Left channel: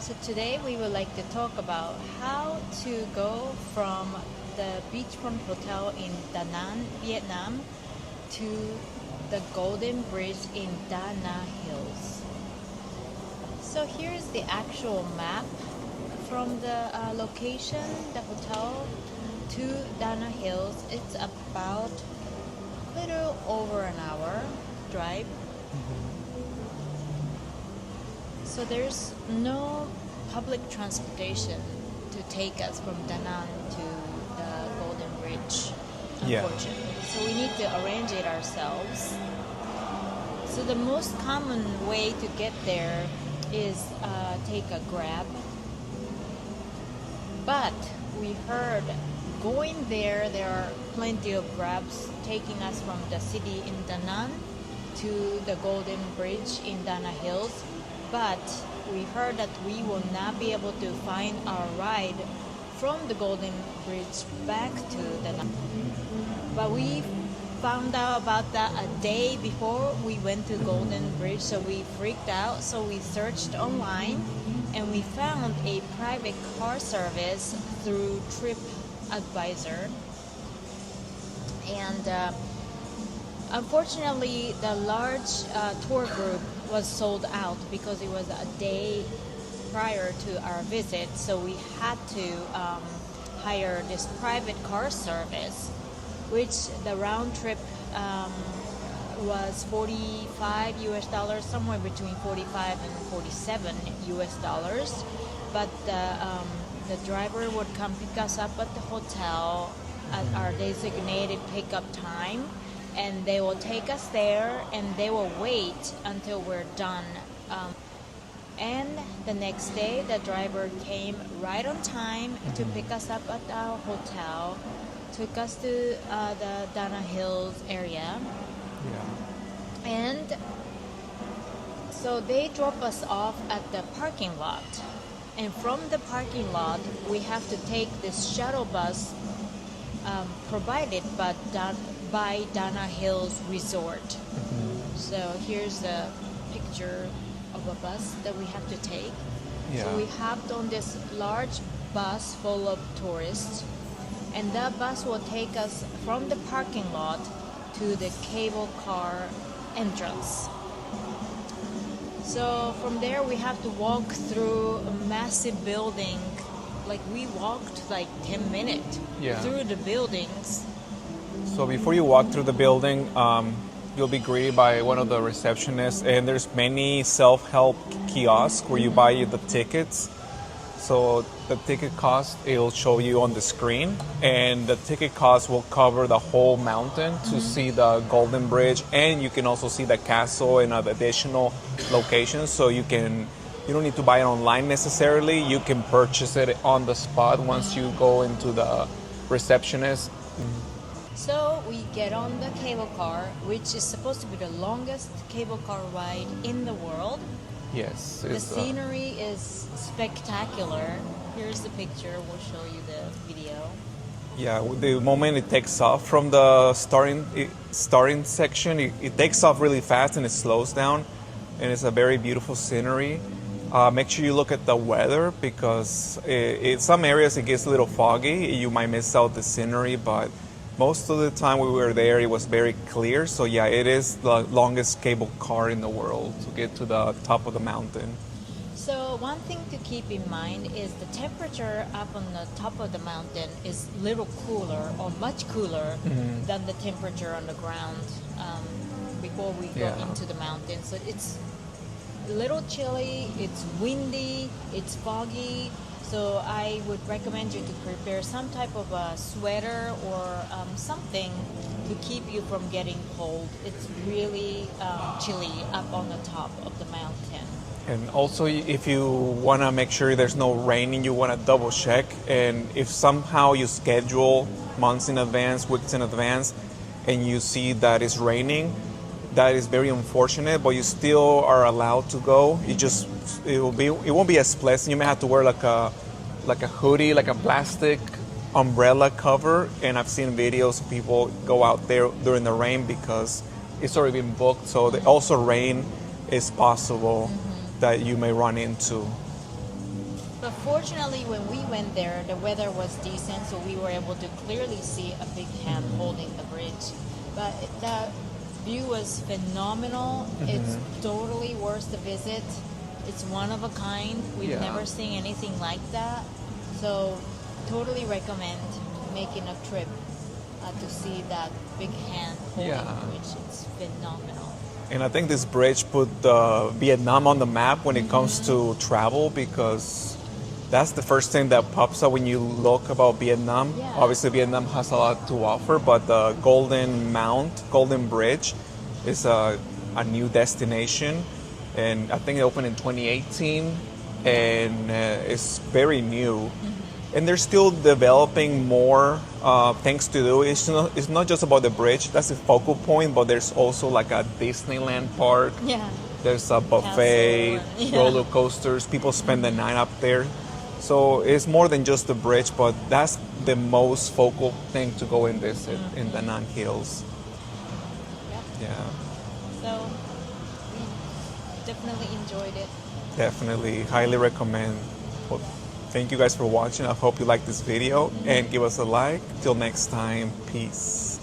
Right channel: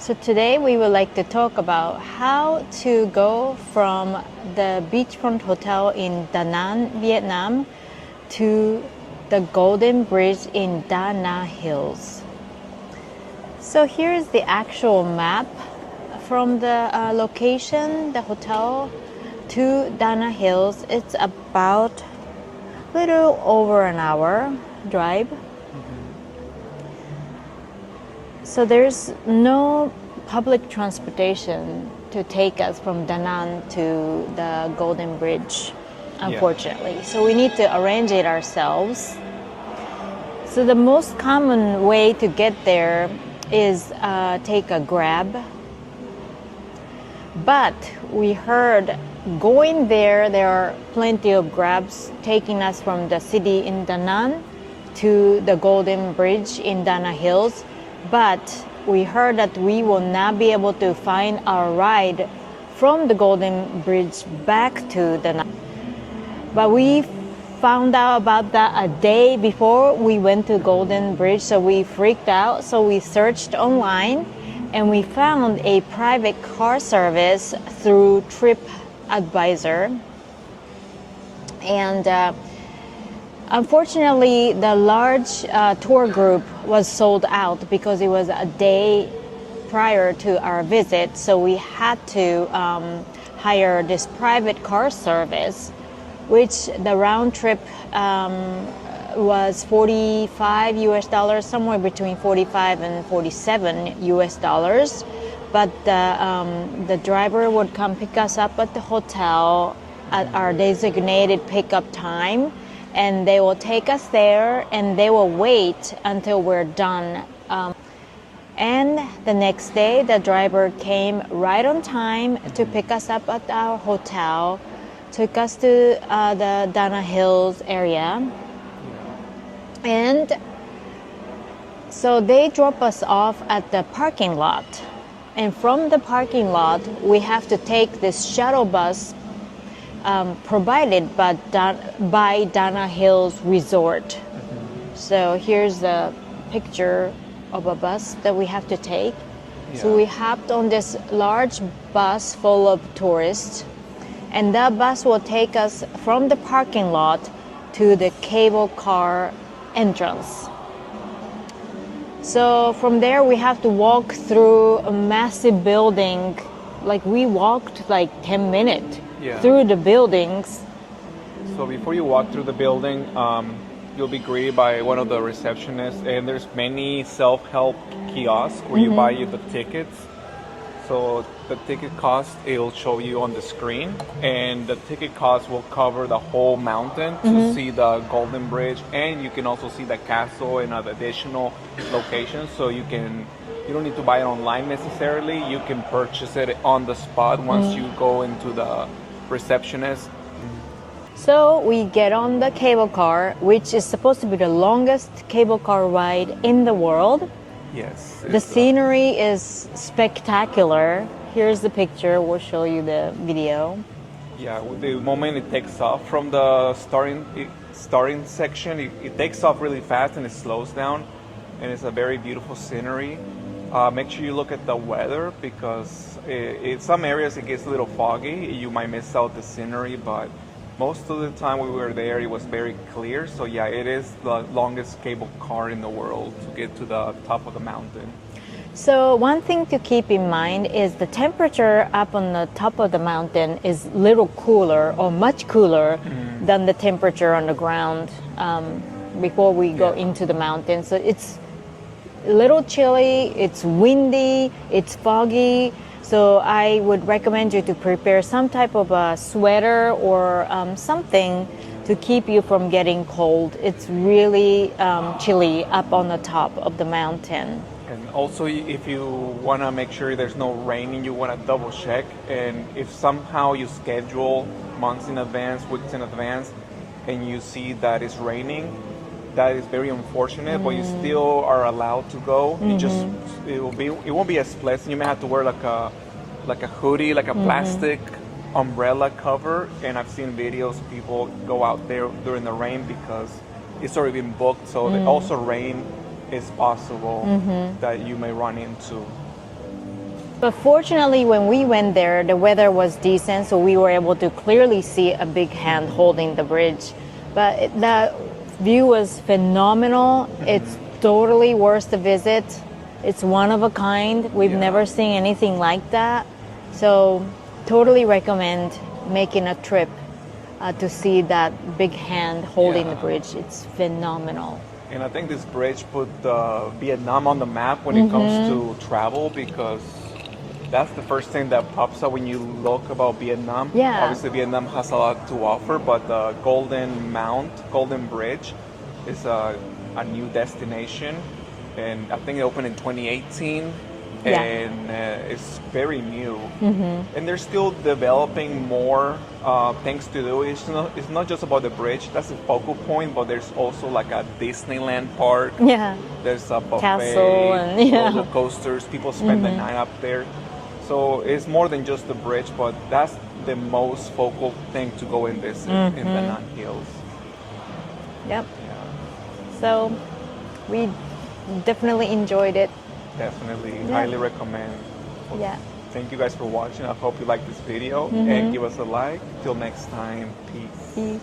So today we would like to talk about how to go from the beachfront hotel in Da Nang, Vietnam to the Golden Bridge in Da Nang Hills. So here's the actual map from the location, the hotel, to Da Nang Hills. It's about a little over an hour drive. So there's no public transportation to take us from Da Nang to the Golden Bridge, unfortunately. Yeah. So we need to arrange it ourselves. So the most common way to get there is take a Grab. But we heard going there are plenty of Grabs taking us from the city in Da Nang to the Golden Bridge in Da Nang Hills. But we heard that we will not be able to find our ride from the Golden Bridge back to Da Nang. But we found out about that a day before we went to Golden Bridge, so we freaked out. So we searched online and we found a private car service through TripAdvisor. And unfortunately, the large tour group was sold out because it was a day prior to our visit. So we had to hire this private car service, which the round trip was $45 US, somewhere between 45 and 47 US. But the driver would come pick us up at the hotel at our designated pickup time. And they will take us there and they will wait until we're done. And the next day, the driver came right on time to pick us up at our hotel, took us to the Da Nang Hills area. Yeah. And so they drop us off at the parking lot. And from the parking lot, we have to take this shuttle bus provided by Da Nang Hills Resort. So here's a picture of a bus that we have to take. Yeah. So we hopped on this large bus full of tourists, and that bus will take us from the parking lot to the cable car entrance. So from there we have to walk through a massive building. Like we walked like 10 minutes through the buildings. So before you walk through the building, you'll be greeted by one of the receptionists, and there's many self-help kiosks where you buy you the tickets. So the ticket cost, it'll show you on the screen, and the ticket cost will cover the whole mountain to see the Golden Bridge, and you can also see the castle and additional locations. So you don't need to buy it online necessarily. You can purchase it on the spot once you go into the receptionist. So we get on the cable car, which is supposed to be the longest cable car ride in the world. Yes. The scenery is spectacular. Here's the picture. We'll show you the video. Yeah, the moment it takes off from the starting section, it takes off really fast and it slows down, and it's a very beautiful scenery. Make sure you look at the weather because in some areas it gets a little foggy. You might miss out the scenery, but most of the time we were there, it was very clear. So yeah, it is the longest cable car in the world to get to the top of the mountain. So one thing to keep in mind is the temperature up on the top of the mountain is little cooler or much cooler than the temperature on the ground before we go into the mountain. So it's a little chilly, it's windy, it's foggy. So I would recommend you to prepare some type of a sweater or something to keep you from getting cold. It's really chilly up on the top of the mountain. And also, if you want to make sure there's no rain and you want to double check, and if somehow you schedule months in advance, weeks in advance, and you see that it's raining, that is very unfortunate, but you still are allowed to go. It won't be as pleasant. You may have to wear like a hoodie, like a plastic umbrella cover. And I've seen videos of people go out there during the rain because it's already been booked. So also rain is possible that you may run into. But fortunately, when we went there, the weather was decent, so we were able to clearly see a big hand holding the bridge. But the view was phenomenal. It's totally worth the visit. It's one of a kind. We've Yeah. never seen anything like that. So, totally recommend making a trip to see that big hand holding Yeah. the bridge. It's phenomenal. And I think this bridge put Vietnam on the map when it comes to travel, because that's the first thing that pops up when you look about Vietnam. Yeah. Obviously, Vietnam has a lot to offer, but the Golden Bridge, is a new destination, and I think it opened in 2018. Yeah. And it's very new, and they're still developing more things to do. It's not just about the bridge, that's the focal point, but there's also like a Disneyland park. Yeah. There's a buffet, Castle and- yeah. roller coasters. People spend the night up there, so it's more than just the bridge, but that's the most focal thing to go and visit in the Nan Hills. Yep. Yeah, So, we definitely enjoyed it. definitely, highly recommend. Well, Yeah. thank you guys for watching. I hope you like this video and give us a like. Till next time, peace. Peace.